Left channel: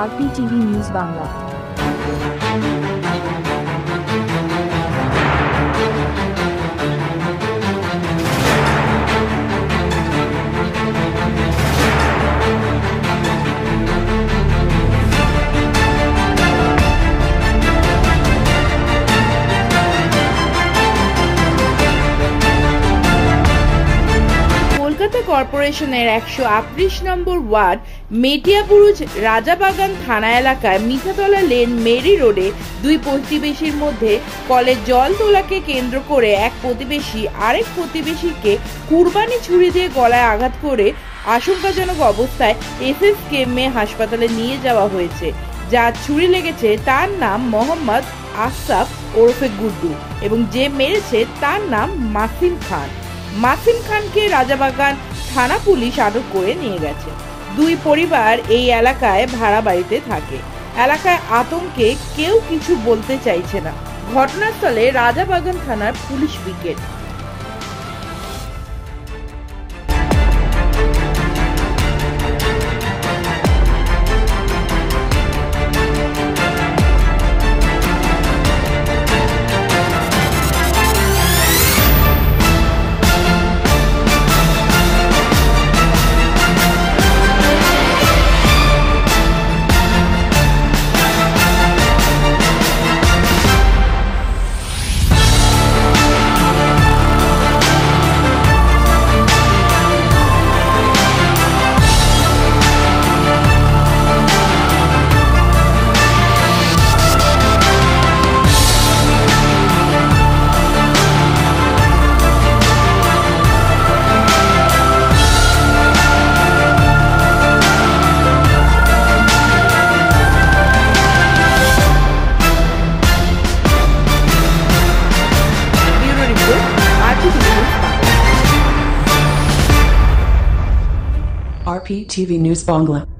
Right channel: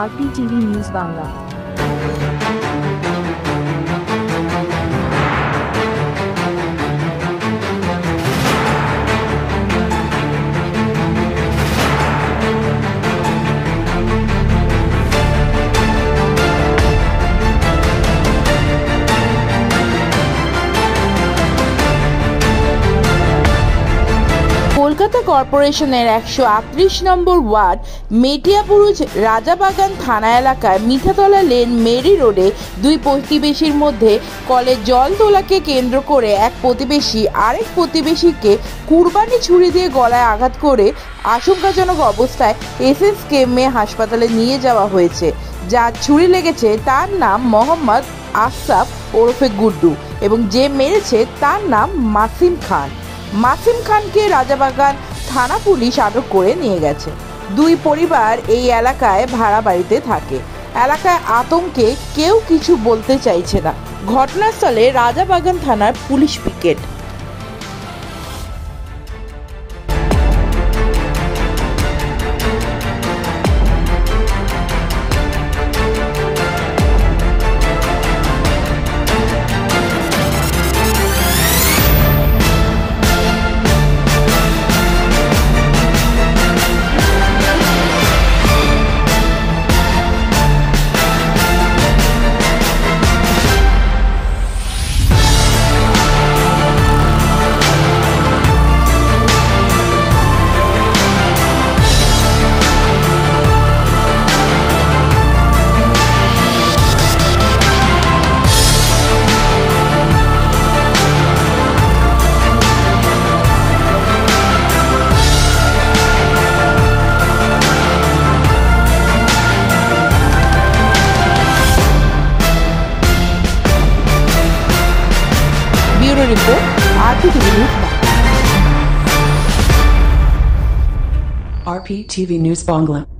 RPTV news Bangla. Kolkata কর্পোরেশনের 138 নম্বর word Metiabruz Rajabagan থানা এলাকায় মিঠাতলা লেন মেরি রোডে দুই প্রতিবেশীর মধ্যে কলের জল তোলাকে কেন্দ্র করে এক প্রতিবেশী আরেক প্রতিবেশীকে কুরবানি ছুরি দিয়ে গলায় আঘাত করে আশঙ্কাজনক অবস্থায় এসএসকেএমে হাসপাতালে নিয়ে যাওয়া হয়েছে। যার ছুরি লেগেছে তার নাম মোহাম্মদ আশরাফ ওরফে গুড্ডু এবং যে মেরেছে তার নাম মাসিম খান। মাসিম খানকে রাজাবাগান থানা পুলিশ আটক করে নিয়ে গেছে। দুই পরিবার এই এলাকায় ভাড়া বাড়িতে থাকে। এলাকায় আতঙ্কে কেউ কিছু বলতে চাইছে না। ঘটনাস্থলে রাজাবাগান থানার police picket. Report RPTV news Bangla. RPTV News Bangla.